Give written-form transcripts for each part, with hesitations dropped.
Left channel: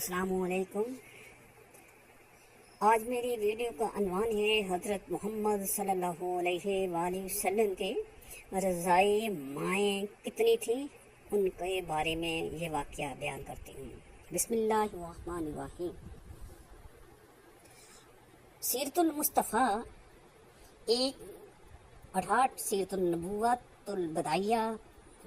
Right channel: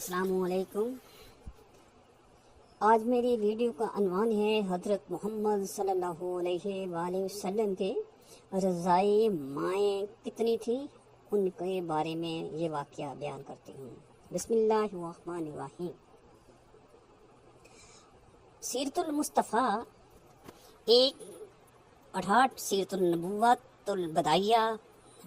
السلام علیکم۔ آج میری ویڈیو کا عنوان ہے حضرت محمد صلی اللہ علیہ وآلہ وسلم کے رضائی مائیں کتنی تھیں، ان کے بارے میں یہ واقعہ بیان کرتی ہوں۔ بسم اللہ الرحمن الرحیم۔ سیرت المصطفیٰ ایک 68 سیرت النبوت البدائیہ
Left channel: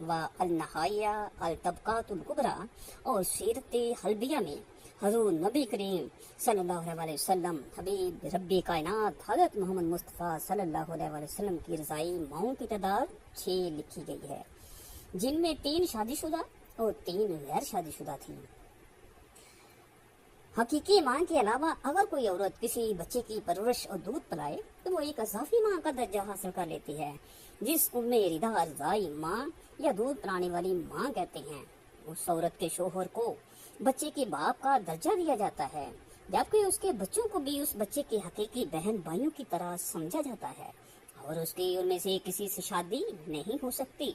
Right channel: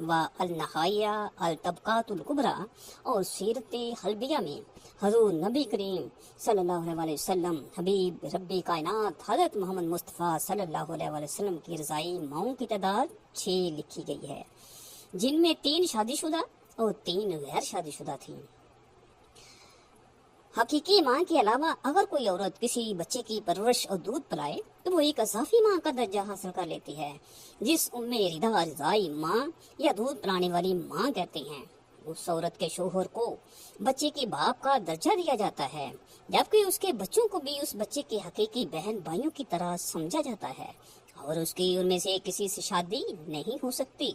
و النہائیہ الطبقات الکبریٰ اور سیرت حلبیہ میں حضور نبی کریم صلی اللہ علیہ وسلم حبیب رب کائنات حضرت محمد مصطفیٰ صلی اللہ علیہ وسلم کی رضائی ماؤں کی تعداد 6 لکھی گئی ہے، جن میں 3 شادی شدہ اور 3 غیر شادی شدہ تھیں۔ حقیقی ماں کے علاوہ اگر کوئی عورت کسی بچے کی پرورش اور دودھ پلائے تو وہ ایک اضافی ماں کا درجہ حاصل کر لیتی ہے، جس ام رضا رضائی ماں یا دودھ پلانے والی ماں کہتے ہیں۔ اس عورت کے شوہر کو بچے کے باپ کا درجہ دیا جاتا ہے، جبکہ اس کے بچوں کو بھی اس بچے کے حقیقی بہن بھائیوں کی طرح سمجھا جاتا ہے، اور اس کی ان میں سے کسی سے شادی نہیں ہو سکتی۔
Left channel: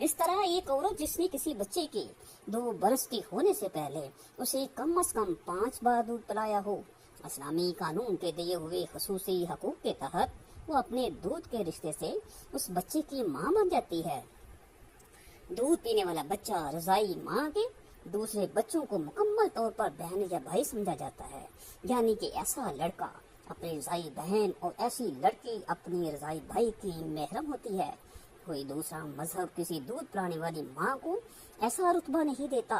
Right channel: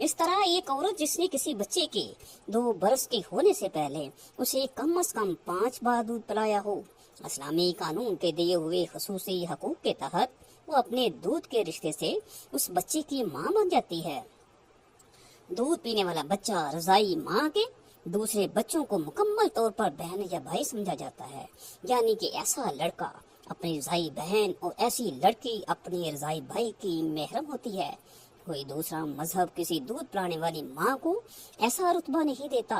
اس طرح ایک عورت جس نے کسی بچے کے 2 برس کے ہونے سے پہلے اسے کم از کم 5 بار دودھ پلایا ہو، اسلامی قانون کے دیے ہوئے خصوصی حقوق کے تحت وہ اپنے دودھ کے رشتے سے اس بچے کی ماں بن جاتی ہے۔ دودھ پینے والا بچہ رضائی ماں کے دوسرے بچوں کو مکمل طور پر بہن یا بھائی سمجھا جاتا ہے، یعنی کہ ایسا لڑکا اپنی رضائی بہن اور ایسی لڑکی اپنی رضائی بھائی کی محرم ہوتی ہے۔ کوئی دوسرا مذہب کسی دودھ پلانے والی ماں کو ایسا رتبہ نہیں دیتا۔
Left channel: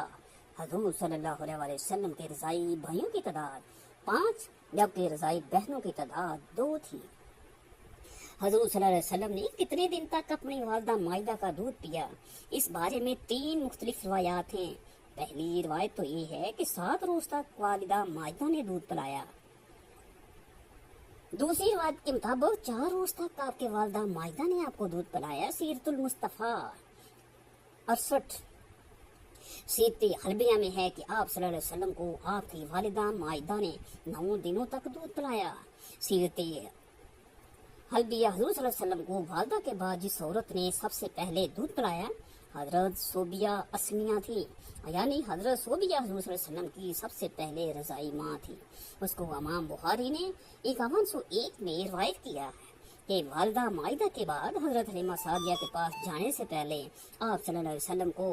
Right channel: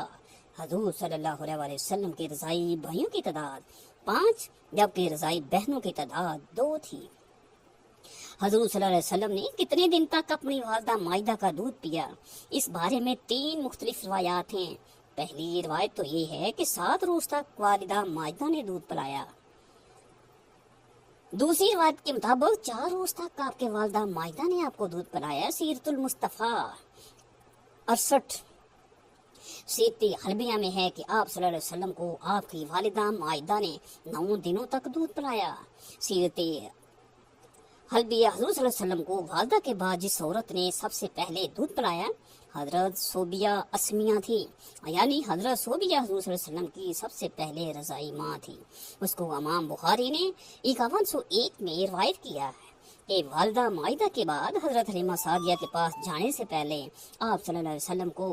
حضور صلی اللہ علیہ وسلم کی رضائی بھائیوں کی تعداد 5 جبکہ رضائی بہنوں کی تعداد 2 تھی۔ حضور صلی اللہ علیہ وسلم نے کتنے دن تک اپنی والدہ مائدہ کا دودھ پیا، اس بارے میں 3 مختلف روایات ہیں۔ پہلی روایت تو یہ ہے کہ 7 روز تک والدہ مائدہ نے دودھ پلایا۔ دوسری روایت کے مطابق 4 روز تک آپ کے والدہ مائدہ نے آپ کو دودھ پلایا۔ سیرت المصطفیٰ 68 سیرت حلبیہ میں ہے کہ آپ صلی اللہ علیہ وسلم کو آپ کی والدہ مائدہ نے 9 دنوں تک دودھ پلایا۔ سیرت حلبیہ حضور صلی اللہ علیہ وسلم کو والدہ کے بعد جس عورت نے سب سے پہلے دودھ پلایا حضرت صوبیہ اسمیہ تھی، یعنی حضرت صوبیہ حضور صلی اللہ علیہ وسلم کی سب سے پہلے رضائی ماں تھی۔ اس کو امام بخاری نے 5101 میں روایت کیا ہے کہ والدہ مائدہ کے بعد حضرت حلیمہ سعدیہ کے پاس جانے سے پہلے آپ صلی اللہ علیہ وسلم کو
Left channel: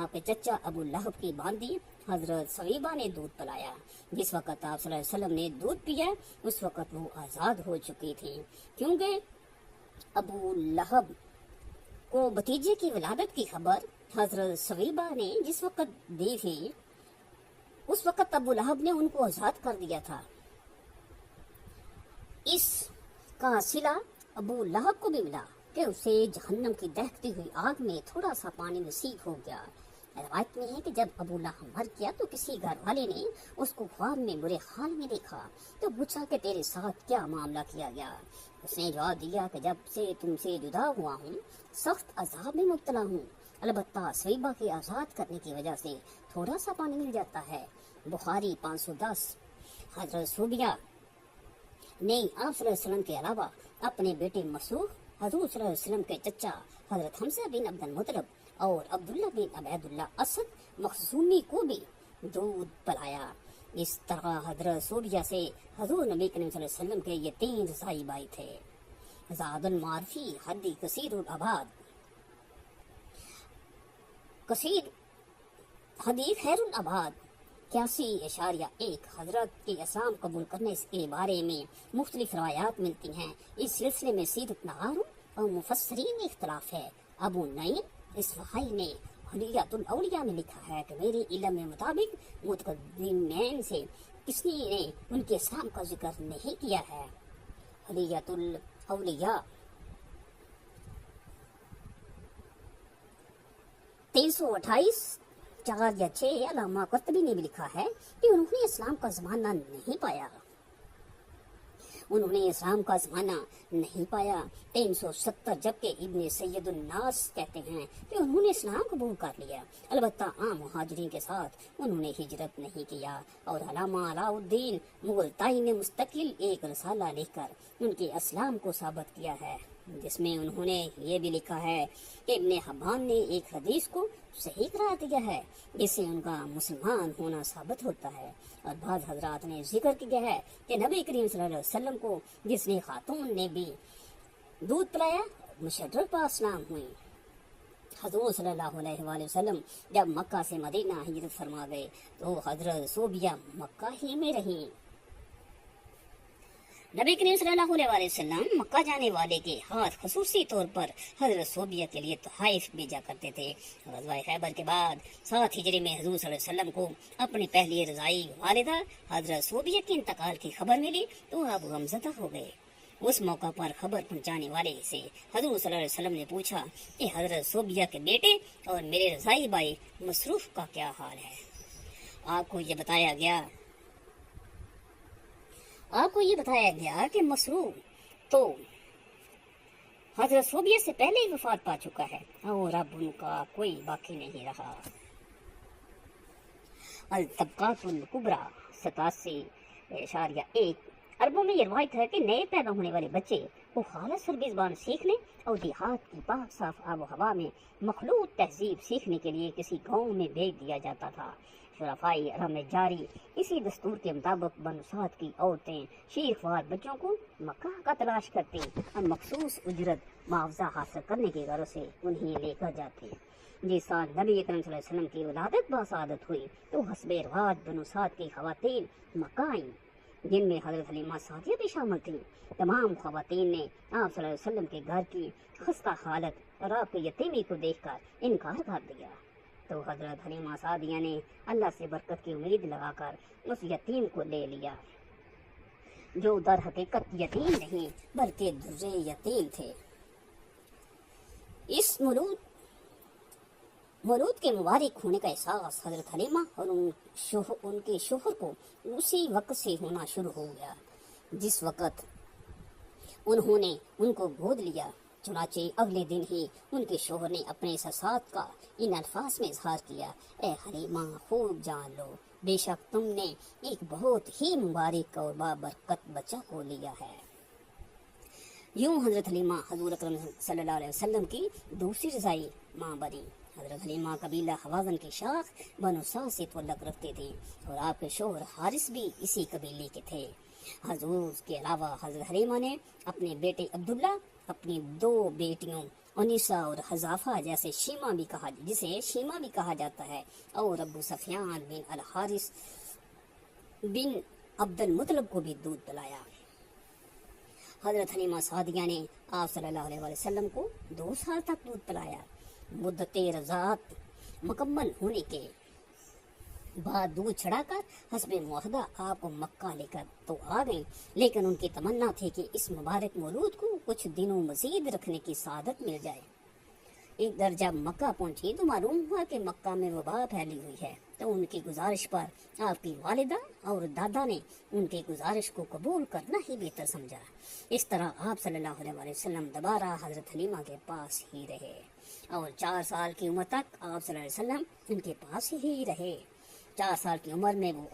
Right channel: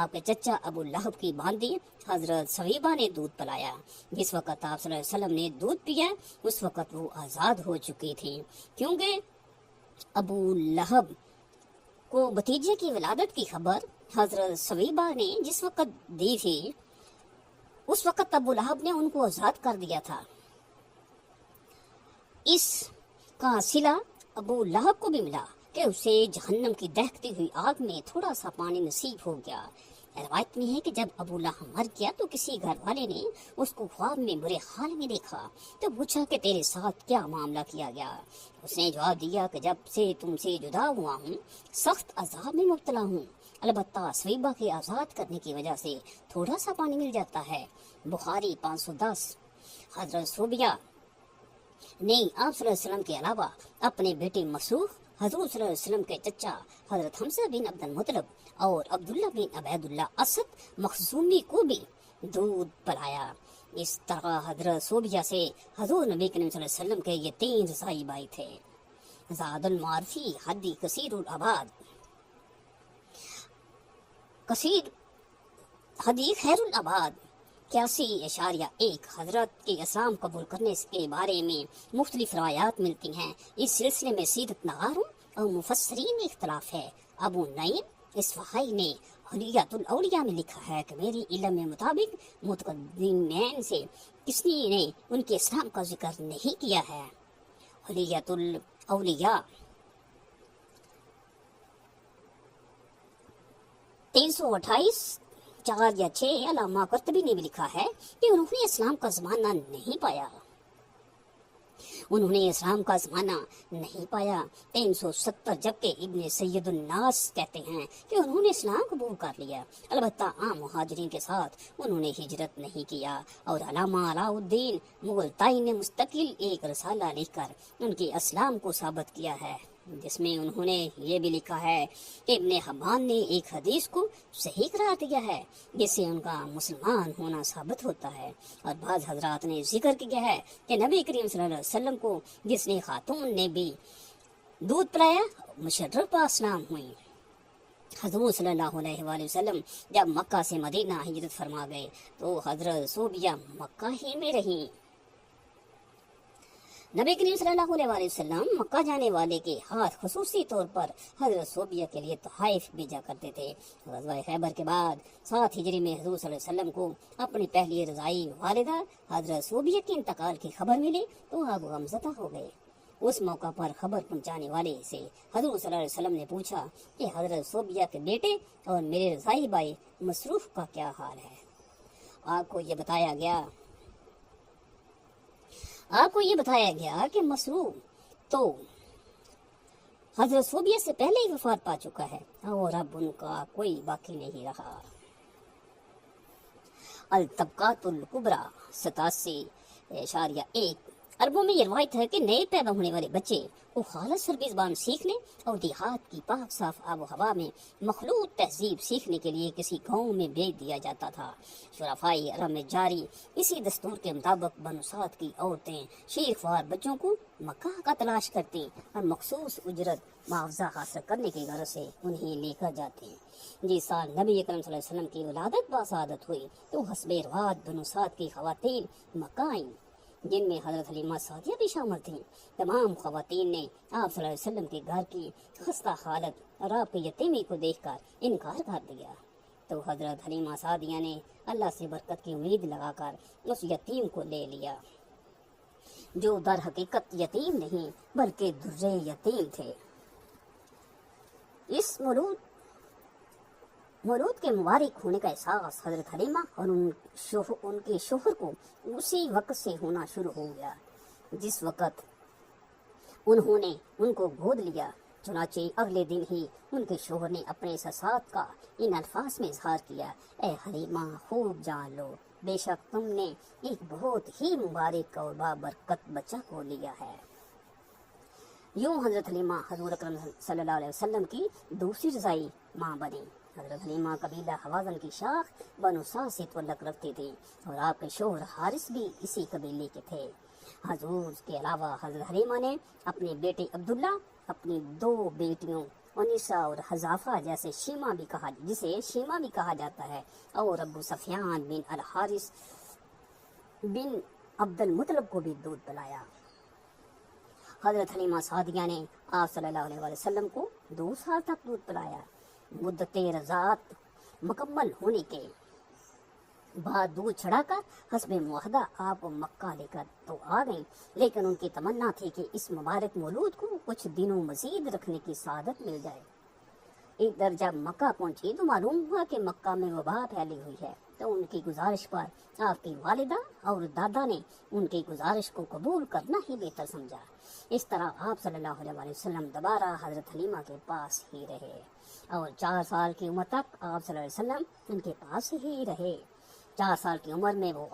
آپ کے چچا ابو لہب کی باندھی حضرت سویبہ نے دودھ پلایا۔ جس وقت آپ صلی اللہ علیہ وسلم نے دودھ پیا اس وقت وہ آزاد ہو چکی تھی، کیونکہ ابو لہب کو بھتیجے کی ولادت کی خبر حضرت سویبہ نے جس وقت دی تھی اس وقت ابو لہب نے ان کو آزاد کر دیا تھا۔ اس کا صلہ ابو لہب کو بھی ملا کہ اسے جہنم کی دہکتی ہوئی آگ میں تھوڑا سا پانی نصیب ہو گیا۔ روایت میں ہے کہ جب ابو لہب مر گیا تو کسی گھر والے نے اس کو خواب میں برے حال میں دیکھا تو پوچھا کہ تیرے ساتھ کیا معاملہ کیا گیا؟ اس نے جواب دیا کہ جب سے تم سے جدا ہوا ہوں سخت عذاب میں مبتلا ہوں، البتہ سویبہ کے آزاد کرنے کی وجہ سے تھوڑا سا پانی مل جاتا ہے۔ بخاری 510۔ حضرت صوبیہ نے آپ صلی اللہ علیہ وسلم کے علاوہ اپنے بیٹے مسروق حضور صلی اللہ علیہ وسلم کے چچا حضرت حمزہ بن عبد المطلب اور عبداللہ بن عبید اللہ اسد مخزومی کو بھی دودھ پلایا۔ اس طرح حضرت صوبیہ سے حضور نبی کریم صلی اللہ علیہ وسلم کے یہ 3 رضائی بھائی تھے۔ زاد المعارفی حدی کثیر العباد کثیر حدی خیر العباد 81.1 حضرت کے اسلام قبول کرنے کے بارے میں مختلف روایات ملتی ہیں۔ اس سلسلے میں سیرت نگاروں اور مفسرین میں اختلاف ہے۔ ابو نعیم اصفہانی نے حلیۃ الاولیاء میں لکھا ہے کہ میرے علم کے مطابق متقدمین سے کسی نے ان کے اسلام کا ذکر نہیں کیا ہے۔ حلیۃ الاولیاء 328 4 یا 6 علامہ قرطبی نے بھی لکھا ہے کہ انہوں نے اسلام کا زمانہ نہیں پایا۔ 370 جبکہ ابن سید الناس کہتے ہیں کہ انہوں نے اسلام قبول کر لیا، البتہ عام مہاجرین کے ساتھ انہوں نے ہجرت نہیں کیا۔ اور علامہ علاء الدین مغلطائی نے مستقل ایک رسالہ لکھ کر ان کے اسلام کو ثابت کیا ہے۔ جس میں انہوں نے یہ بھی لکھا ہے کہ ابن حبان نے ایک حدیث کو صحیح قرار دیا ہے جس سے ان کا مسلمان ہونا ثابت ہوتا ہے، اور بعض حضرات نے ذکر کیا ہے کہ نبی کریم صلی اللہ علیہ وسلم کو جس نے خاتون نے بھی دودھ پلایا مشرف اسلام ہوئی۔ حضور صلی اللہ علیہ وآلہ وسلم جب مکہ سے مدینہ ہجرت فرما گئے تو حضرت صوبیہ مکہ ہی میں رہیں۔ نبی کریم صلی اللہ علیہ وآلہ وسلم مکہ جانے والے کے ہاتھ خصوصی طور پر حضرت صوبیہ کے لیے تحائف بھیجا کرتے تھے۔ غزوہ خیبر کے بعد 7 ہجری میں حضور صلی اللہ علیہ وسلم کو اپنی پہلی رضائی والدہ حضرت صوبیہ کے انتقال کی خبر ملی تو آپ غمزدہ ہو گئے۔ اس موقع پر خبر پہنچانے والے سے حضور صلی اللہ علیہ وسلم نے پوچھا کہ حضرت صوبیہ کے بیٹے اور میرے رضائی بھائی مصروف کا کیا حال ہے؟ آپ کو یہ بتایا گیا کہ مصروف تو حضرت صوبیہ سے پہلے ہی وفات پا چکا ہے اور اب ان کا کوئی باقی نہیں رہا۔ الطبقات الکبریٰ 87.1 عربوں میں یہ روایت ہے کہ نئے پیدا ہونے والے بچے کو خالص عربی زبان سیکھنے اور دیہات کی پاک صاف آب و ہوا میں مخلوط تہذیب سیکھنے کے لیے کسی گاؤں میں بھیج دیا جاتا تھا۔ شرفائی عرب میں جاری اسی دستور کے مطابق بنو سعد کی عورتیں شیخ وار بچوں کو مکہ کا تلاش کرتی اور مخصوص اجرت معاوضہ حاصل کرنے کی غرض سے انہیں لے کر جاتے۔ جس سال نبی اکرم صلی اللہ علیہ وسلم کی ولادت باسعادت ہوئی تو حسب رواج بنو سعد کی خواتین مکہ آئیں، جن میں حضرت حلیمہ سعدیہ بھی شامل تھیں۔ تمام خواتین نے آپ صلی اللہ علیہ وسلم کے گھر کی خستہ حالت اور آپ کی یتیمی کو دیکھ کر انکار کر دیا، تو حضرت حلیمہ سعدیہ نے اللہ سے برکت کی امید لگا کر اس یتیم کو لے لیا، جو در حقیقت یتیم نہیں بلکہ درے یتیم تھے۔ اس مولود کے مبارک ہونے کا احساس حضرت حلیمہ اور ان کے شوہر کو اسی وقت سے ہونا شروع ہو گیا جس وقت انہوں نے ان کو گود لیا۔ چنانچہ اگلے دن ہی ان کے شوہر نے اپنے احساسات کا ان الفاظ میں اظہار کیا: اے حلیمہ، خوب جان لو، بے شک تم نے ایک بہت ہی مبارک اور بابرکت بچہ کو لیا ہے۔ یوں حضرت حلیمہ حضور اکرم صلی اللہ علیہ وسلم کی دوسری رضائی ماں بنی۔ حضرت حلیمہ قبیلہ حوازن کی شاخ بنو سعد سے تعلق رکھتے تھے اور آپ کے شوہر حارث بھی اسی قبیلے کے تھے۔ حضور کے علاوہ حضرت حلیمہ نے اپنے بیٹے عبداللہ، اپنی 2 بیٹیوں انیسہ اور حذافہ جسے شیمہ بھی کہا جاتا ہے، اور ابو سفیان بن الحارث بن عبد المطلب کو بھی دودھ پلایا۔ حضرت حلیمہ سعدیہ نے آپ صلی اللہ علیہ وسلم کو 2 سال تک دودھ پلایا۔ مدت رضاعت مکمل ہونے کے بعد دودھ چھڑا کر حسب معاہدہ آپ مکہ لے کر تو آ گئیں، لیکن ان کی تمنا تھی کہ اس مبارک مولود کو کچھ دنوں مزید رکھنے کی سعادت مل جائے۔ ادھر جب مکہ پہنچی تو معلوم ہوا کہ مکہ میں وبا پھیلی ہوئی ہے، تو ان کی گزارش پر آپ کی والدہ اور دادا نے ان کی گزارش کو قبول کرنا ہی بہتر سمجھا۔ اس طرح آپ صلی اللہ علیہ وسلم دوبارہ حضرت حلیمہ کے پاس ہی رہے اور 4 سال کی عمر تک آپ صلی اللہ علیہ وسلم ان کے پاس ہی رہے۔ 4 سال کی عمر میں وہ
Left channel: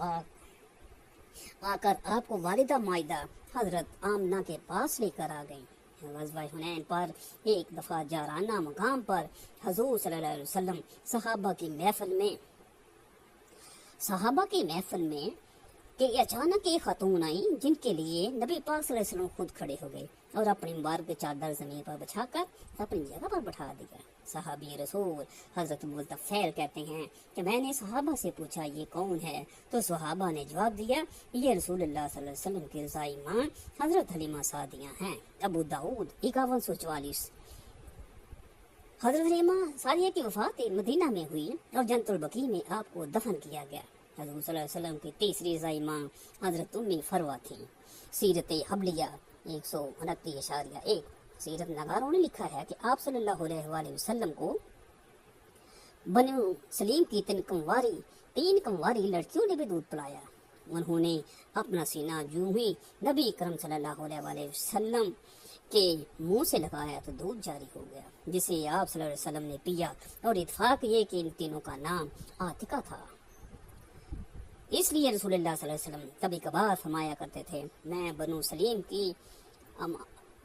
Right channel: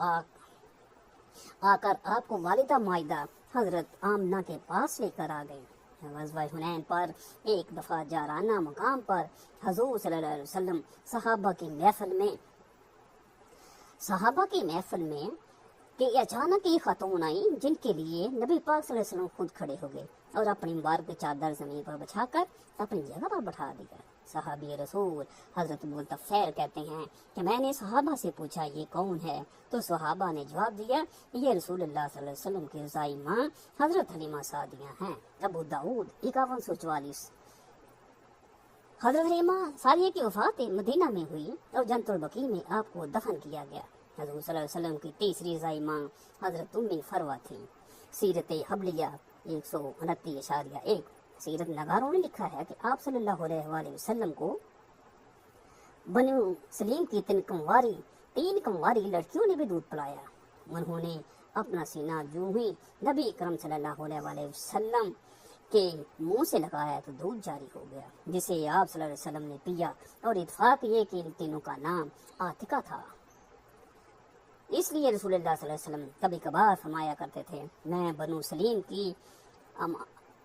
آ کر آپ کو والدہ معاہدہ حضرت آمنہ کے پاس لے کر آ گئی۔ غزوہ حنین پر ایک دفعہ جارانہ مقام پر حضور صلی اللہ علیہ وسلم صحابہ کی محفل میں کہ اچانک ایک خاتون آئی جن کے لیے نبی پاک صلی اللہ علیہ وسلم خود کھڑے ہو گئے اور اپنی مبارک چادر زمین پر بچھا کر اپنی جگہ پر بٹھا دیا۔ صحابی رسول حضرت ملتفیل کہتے ہیں کہ میں نے صحابہ سے پوچھا یہ کون ہے، تو صحابہ نے جواب دیا یہ رسول اللہ صلی اللہ علیہ وسلم کی رضائی ماں حضرت حلیمہ سعدیہ ہیں۔ ابو داؤد 5144۔ حضرت حلیمہ سعدیہ کی وفات مدینہ میں ہوئی اور جنت البقیع میں آپ کو دفن کیا گیا۔ حضور صلی اللہ علیہ وسلم کی تیسری رضائی ماں حضرت ام فروہ تھی۔ سیرت حبلیہ 129.1۔ سیرت نگاروں نے لکھا ہے کہ آپ صلی اللہ علیہ وآلہ وسلم کو بنو سلیم کی 3 کنواری لڑکیوں نے بھی دودھ پلایا۔ انہوں نے اپنا سینہ جو ہی نبی کرم صلی اللہ علیہ وآلہ وسلم کے منہ سے لگایا تو دودھ جاری ہو گیا، جسے آپ صلی اللہ علیہ وسلم نے پیا، اور اتفاق یہ کہ ان تینوں کا نام عاتقہ تھا۔ اس لیے رسول اللہ صلی اللہ علیہ وسلم کبھی کبھار فرمایا کرتے تھے میں بنو سلیم کی